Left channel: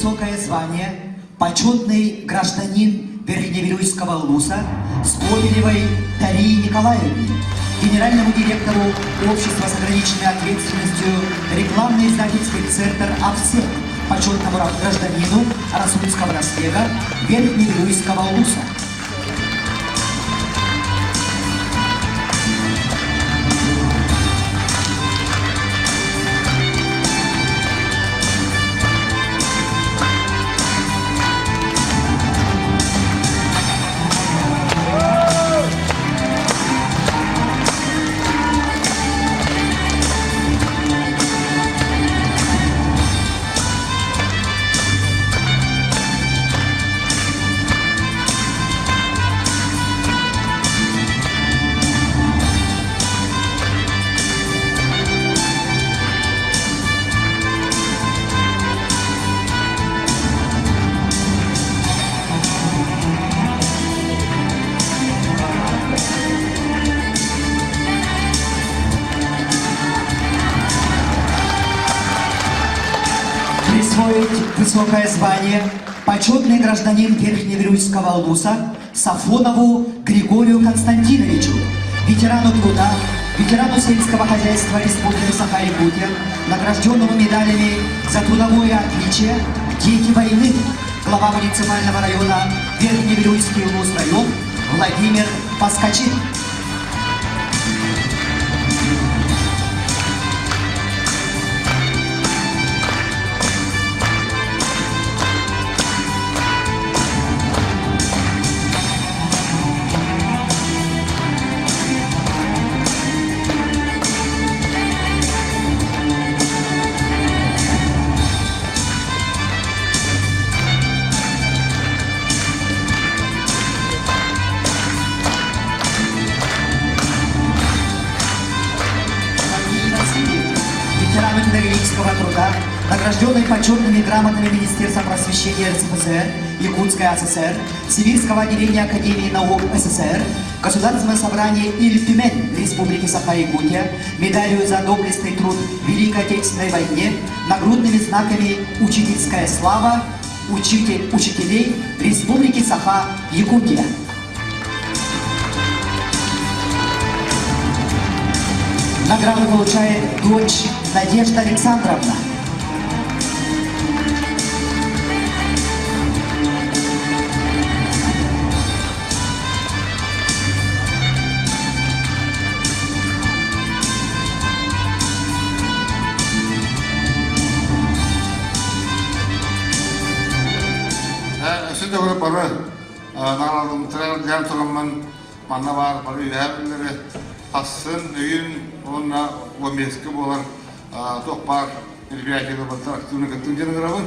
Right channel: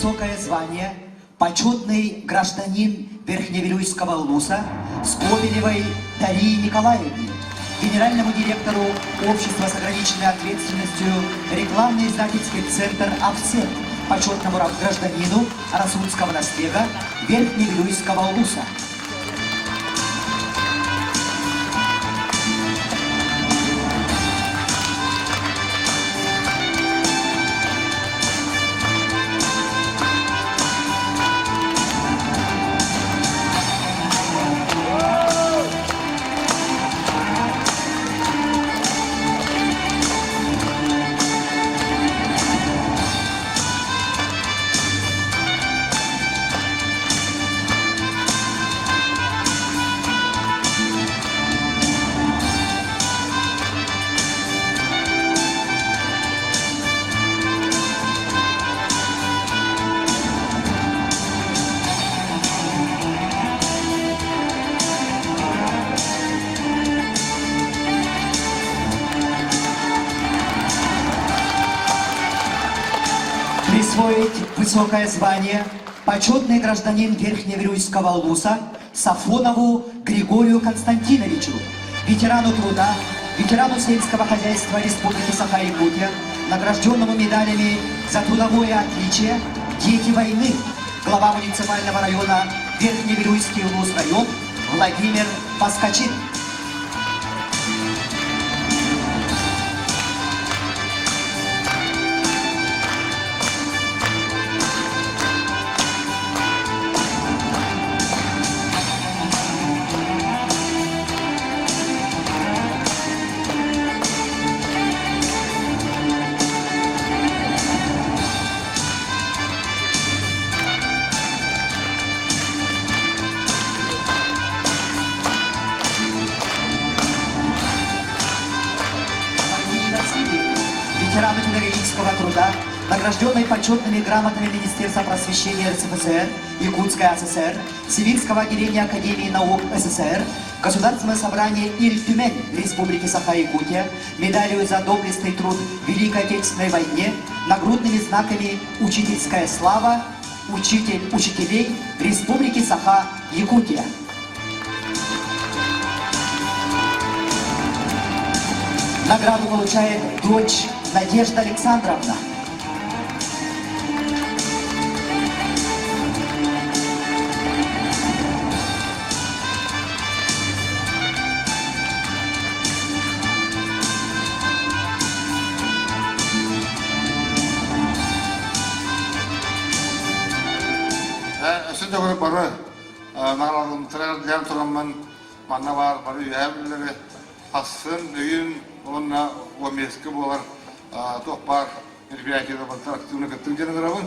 высокое звание почетный гражданин Верхневилюйского улуса Скобелевой Дарьи Николаевне, генеральному директору общества с ограниченной ответственностью рекламный издательский центр «Офсет», почетному гражданину Расульского наслега Верхневилюйского улуса. Присвоить высокое звание почетный гражданин Верхневилюйского улуса Сафонову Григорию Константиновичу, ветерану труда, ветерану сельского хозяйства Республики Саха-Якутия, награжденному медалями за трудовое отличие, дети войны, глава муниципального района Верхневилюйский улус-район Владимир Паскачин. Ветераны педагогического труда, награжденный почетными грамотами Министерства просвещения РСФСР, Якутской ССР, Сибирского отделения Академии наук СССР, Государственное собрание Ильтюмень Республики Саха-Якутия, медалью за доблестный труд в Великой Отечественной войне, нагрудными знаками «Учительская слава», «Учитель учителей» Республики Саха-Якутия. Награду получает дочь Надежда Александровна. Sütüğü barı, nağladım, tırağın diyen tuğumman, manna var, barı üyerleri, asın, üyün, onunla o meski bolar, tohbar, ilbiyakide batar, aktüğünü gıttın canı grabın.